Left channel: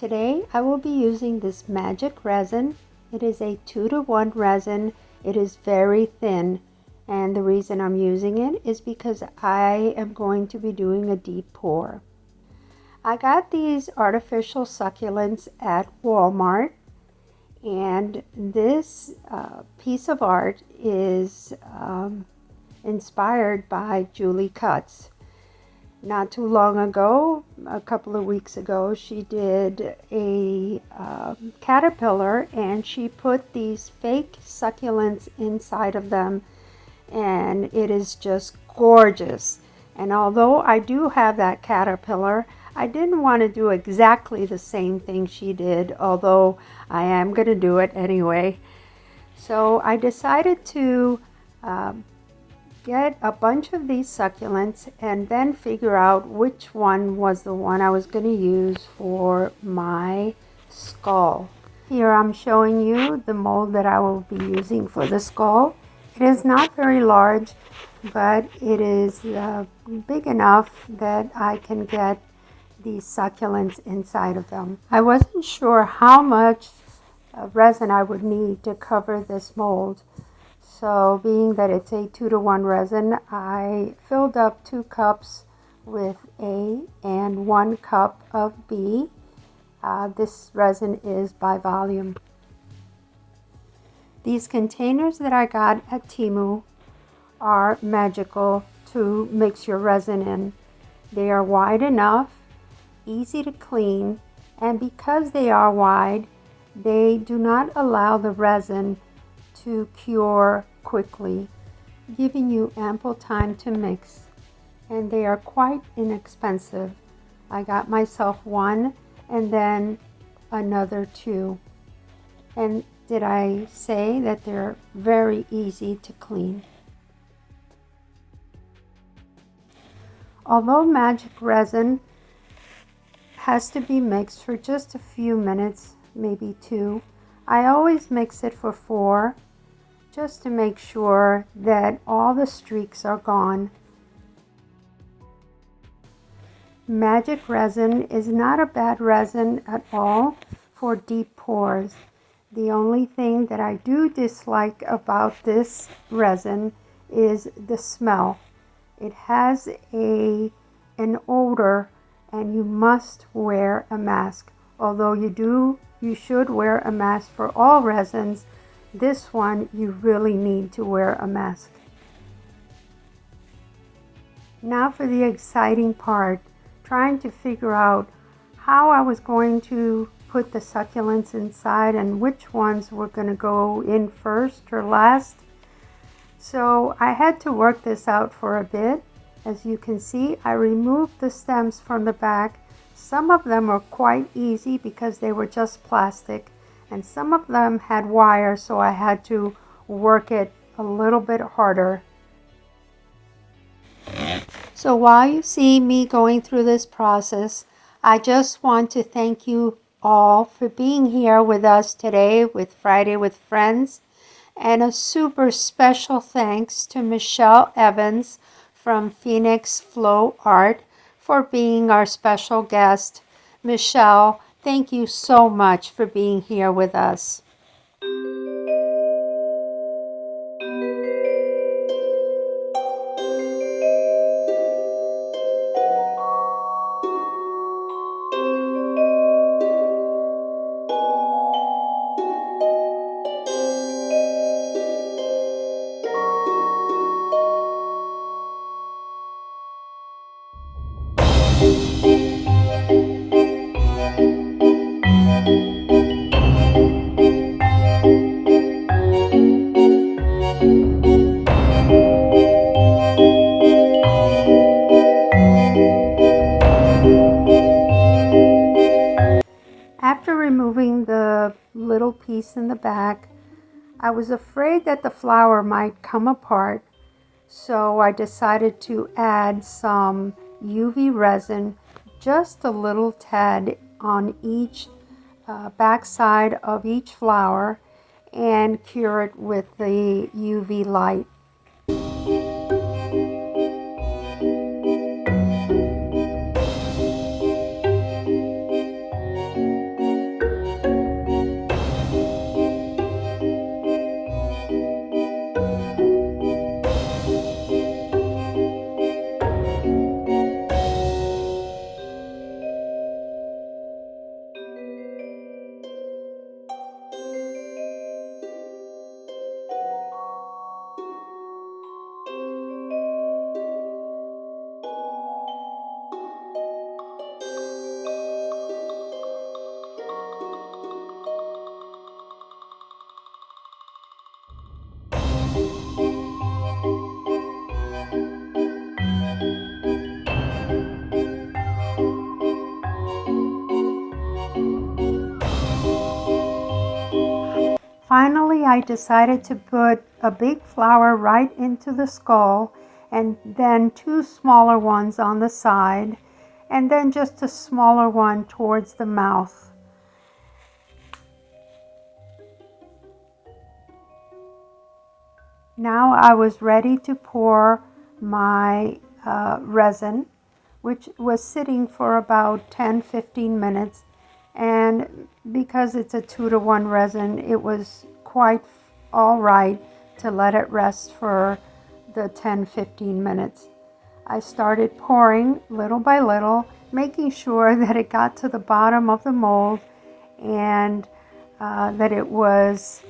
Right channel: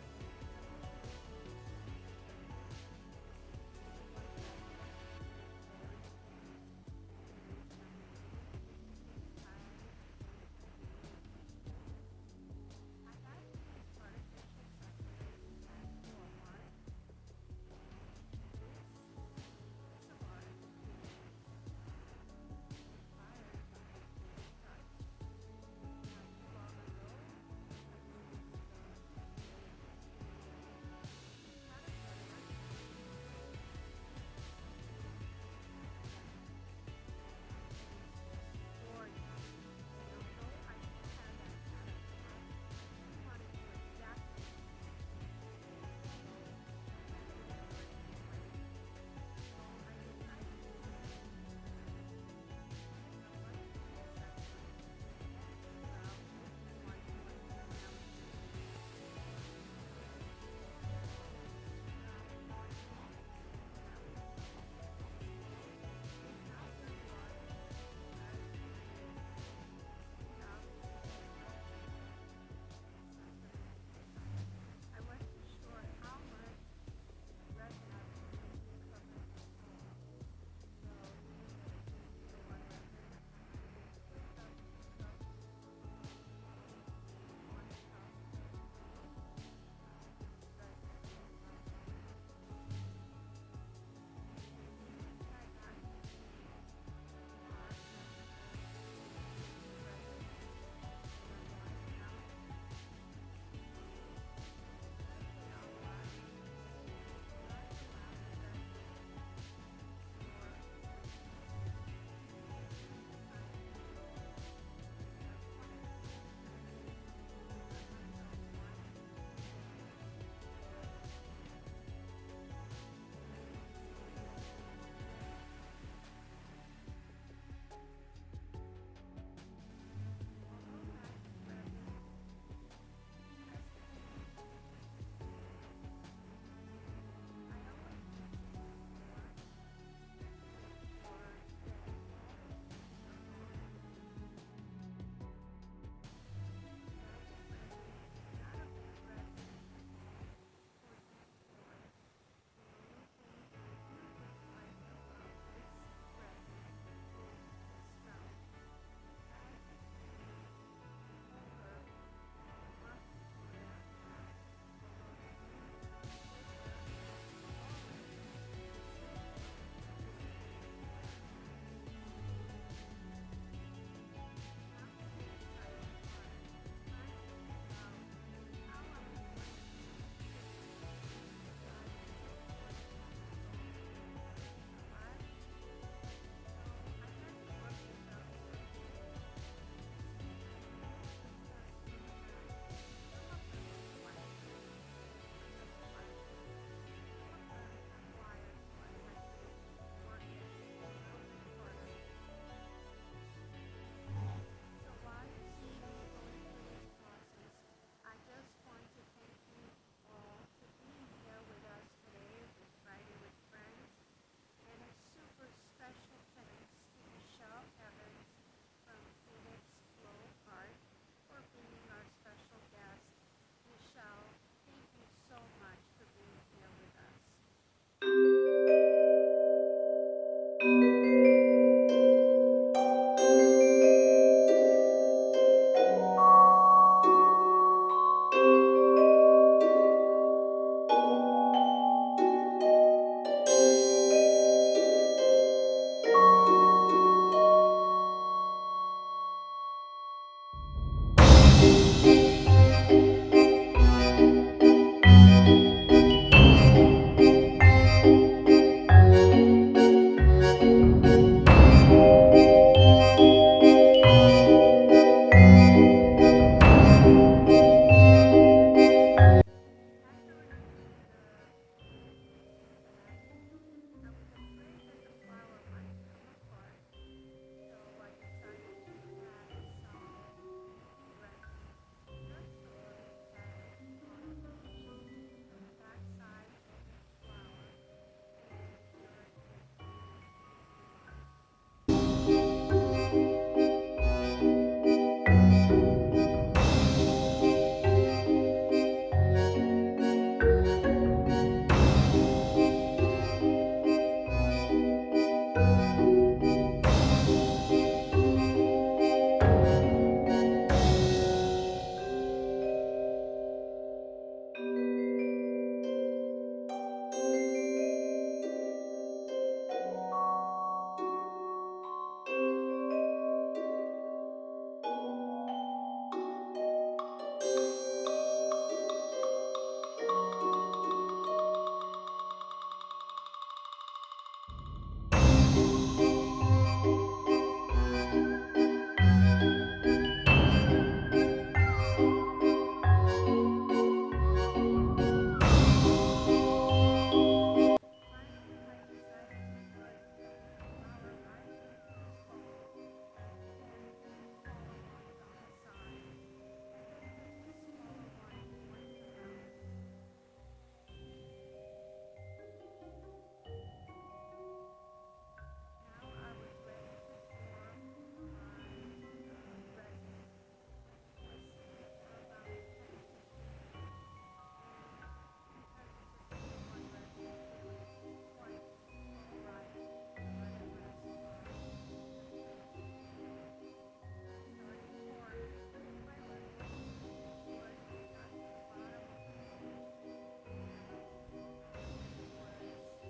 Today I will be using this magic resin. It is a 2-to-1 resin. It is very thin, and the reason I'm using it is because I am going to be doing a deep pour. I got these artificial succulents at Walmart, and this piece of art is inspired by Julie Cutts. Not too long ago, a couple of weeks ago, she did a caterpillar, and she put these fake succulents inside of them, and it is just gorgeous. And although I do have that caterpillar, I didn't want to do exactly the same thing she did, although I am going to do it anyway. So I decided to get a bunch of these succulents and then figure out which one was the one I was going to use for my skull. Here I'm showing you the mold that I will be using for the skull. It is not very large, but it is big enough that I can get these succulents inside of them. I wasn't sure how much resin I would need to cover this mold. So being that it's a 2-to-1 resin, I filled up 2 cups with A and 1 cup of B. This resin is by volume. These containers that I got at Temu are magical to mix your resin in. They are wide enough, easy to clean, and because they are wide, they do not allow the resin to cure quickly, giving you ample time to mix, and they are quite inexpensive. I got myself 1 and then another 2. And did I say that they're very easy to clean? Although magic resin has to be mixed for just a few minutes, maybe 2, I always mix it for 4, just to make sure that all the streaks are gone. Magic resin is not a bad resin at all for deep pours. The only thing that I do dislike about this resin is the smell. It has an odor, and you must wear a mask. Although you should wear a mask for all resins, this one you really need to wear a mask. Now for the exciting part, trying to figure out how I was going to put the succulents inside and which ones were going to go in first or last. So I had to work this out for a bit. As you can see, I removed the stems from the back. Some of them were quite easy because they were just plastic, and some of them had wire, so I had to work it a little bit harder. So while you see me going through this process, I just want to thank you all for being here with us today with Friday with Friends, and a super special thanks to Michelle Evans from Phoenix Flow Art for being our special guest. Michelle, thank you so much for being here with us. After removing the little piece in the back, I was afraid that the flower might come apart, so I decided to add some UV resin, just a little tad on each backside of each flower, and cure it with the UV light. I decided to put a big flower right into the skull, and then 2 smaller ones on the side, and then just a smaller one towards the mouth. Now I was ready to pour my resin, which was sitting for about 10-15 minutes, and because it's a 2-to-1 resin, it was quite all right to let it rest for the 10-15 minutes. I started pouring little by little, making sure that it got to the bottom of the mold and that it was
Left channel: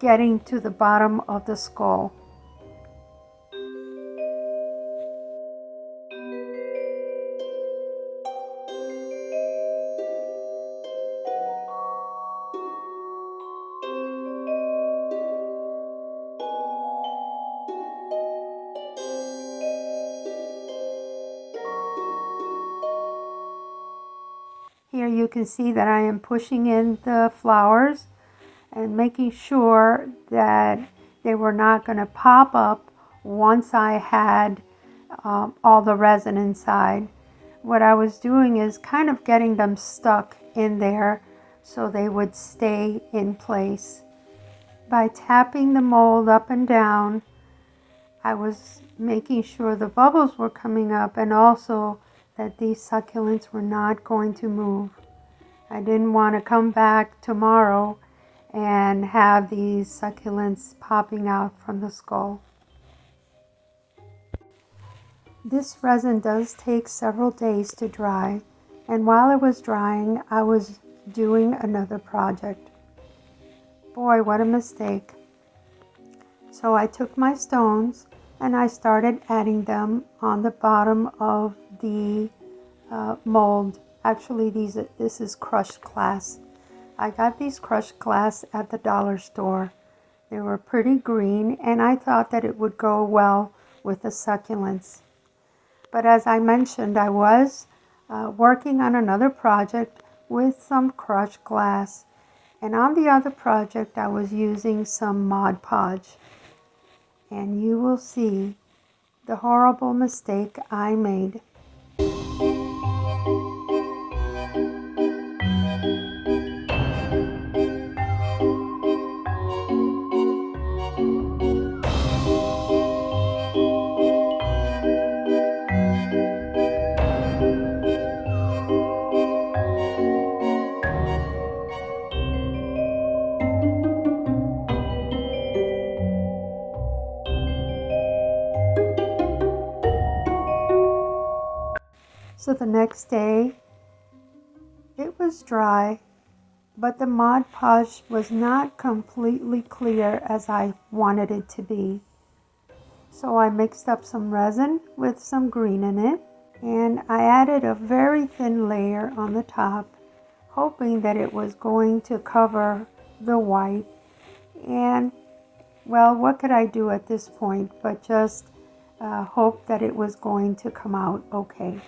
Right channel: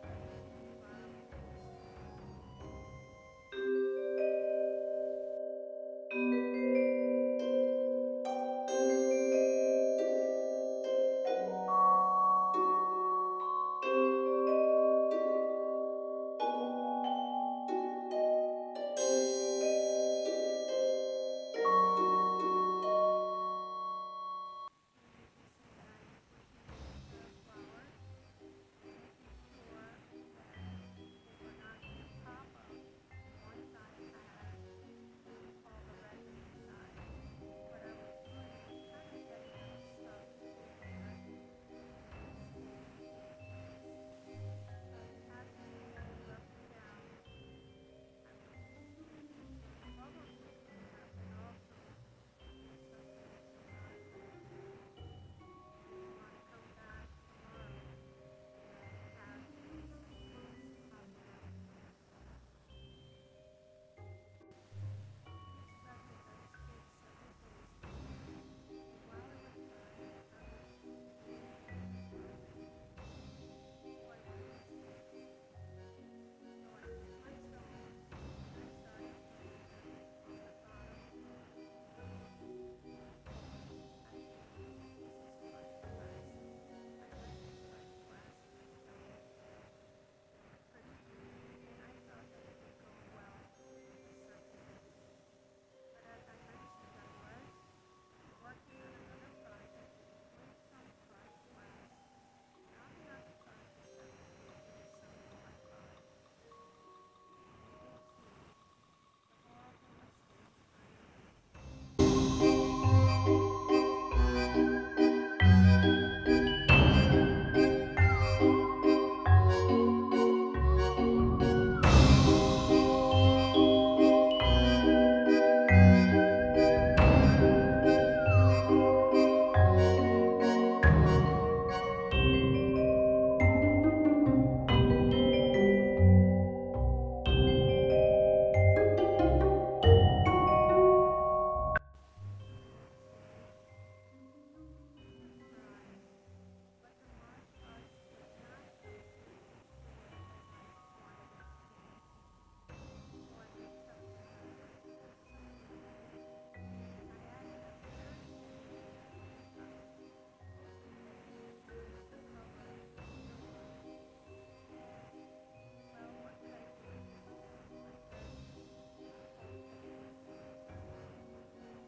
getting to the bottom of the skull. Here you can see that I am pushing in the flowers and making sure that they were not going to pop up once I had all the resin inside. What I was doing is kind of getting them stuck in there so they would stay in place. By tapping the mold up and down, I was making sure the bubbles were coming up and also that these succulents were not going to move. I didn't want to come back tomorrow and have these succulents popping out from the skull. This resin does take several days to dry, and while it was drying, I was doing another project. Boy, what a mistake. So I took my stones and I started adding them on the bottom of the mold. Actually, this is crushed glass. I got these crushed glass at the dollar store. They were pretty green, and I thought that it would go well with the succulents. But as I mentioned, I was working on another project with some crushed glass. And on the other project, I was using some Mod Podge. And you will see the horrible mistake I made. So the next day, it was dry, but the Mod Podge was not completely clear as I wanted it to be. So I mixed up some resin with some green in it, and I added a very thin layer on the top, hoping that it was going to cover the white. And well, what could I do at this point but just hope that it was going to come out okay.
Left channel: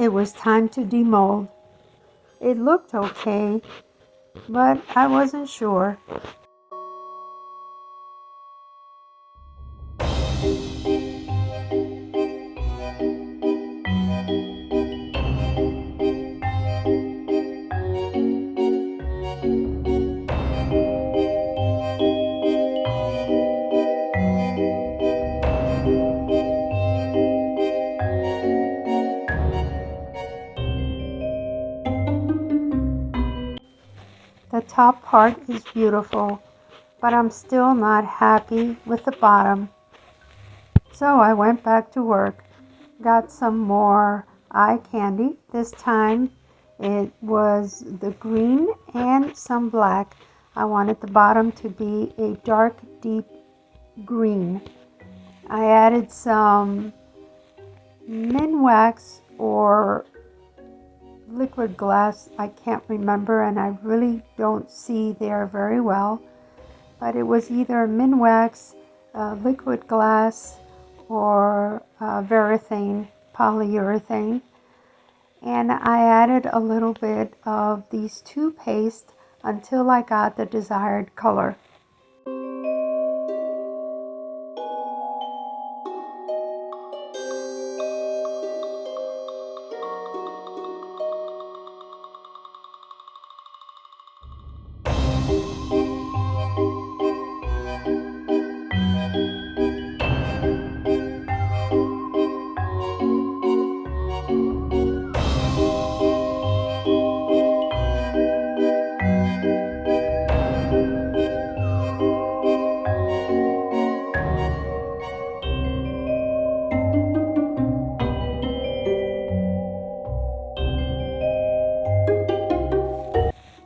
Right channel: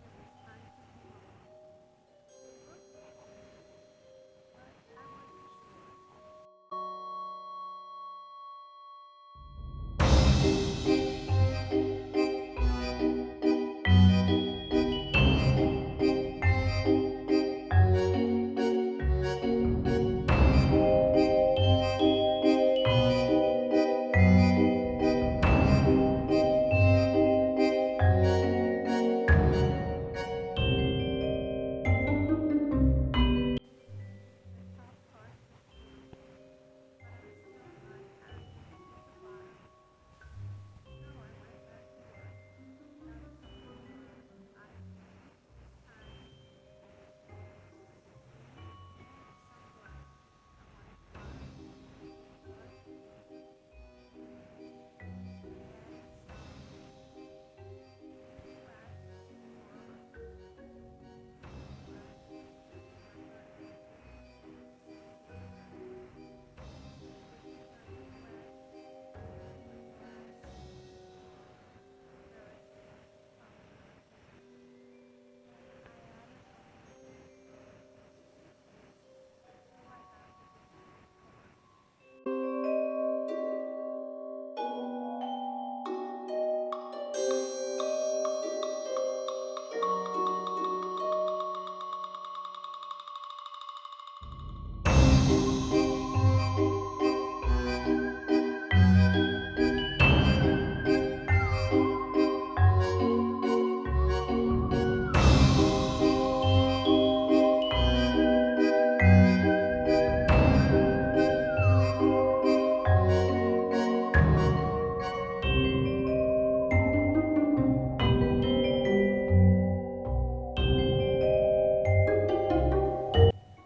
It was time to demold. It looked okay, but I wasn't sure. The top part is beautiful, but I'm still not happy with the bottom. So I went back to work, got some more eye candy. This time it was the green and some black. I wanted the bottom to be a dark, deep green. I added some Minwax or liquid glass, I can't remember, and I really don't see there very well. but it was either Minwax, liquid glass, or Varathane polyurethane. And I added a little bit of these two pastes until I got the desired color.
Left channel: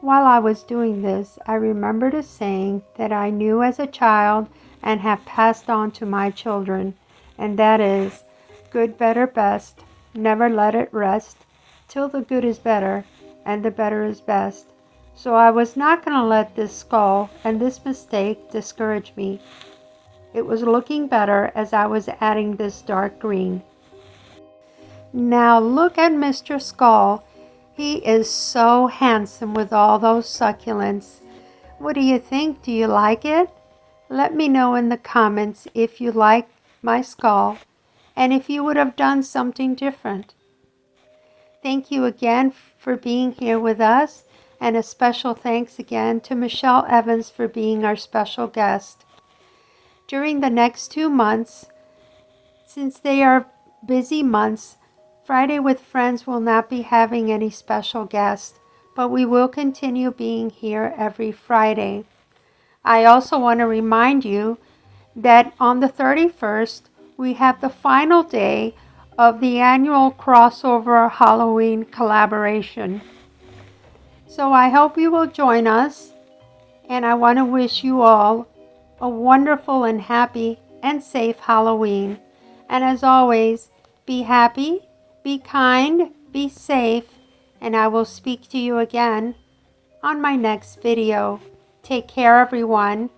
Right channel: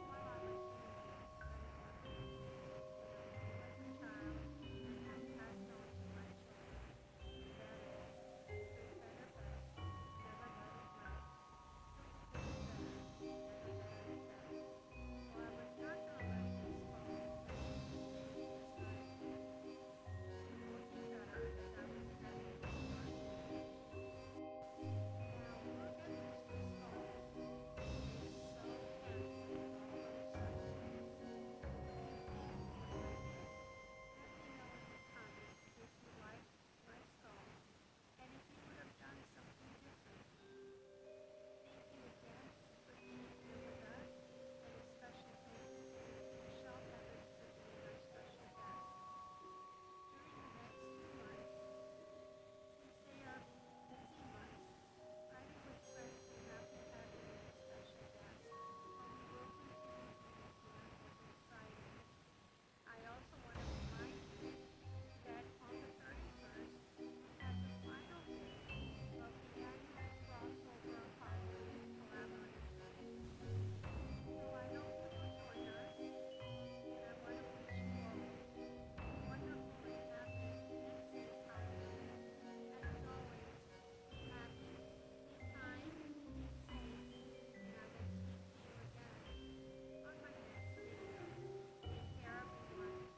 While I was doing this, I remembered a saying that I knew as a child and have passed on to my children, and that is, good, better, best, never let it rest, till the good is better, and the better is best. So I was not going to let this skull and this mistake discourage me. It was looking better as I was adding this dark green. Now look at Mr. Skull. He is so handsome with all those succulents. What do you think? Do you like it? Let me know in the comments if you like my skull and if you would have done something different. Thank you again for being here with us, and a special thanks again to Michelle Evans for being our special guest. During the next 2 months, since they are busy months, Friday with Friends will not be having any special guests, but we will continue being here every Friday. I also want to remind you that on the 31st, we have the final day of the annual crossover Halloween collaboration. So I hope you will join us, and I want to wish you all a wonderful and happy and safe Halloween. And as always, be happy, be kind, be safe, and I will speak to you again on my next video. Take care, everyone.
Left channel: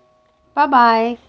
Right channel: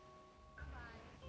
Bye-bye.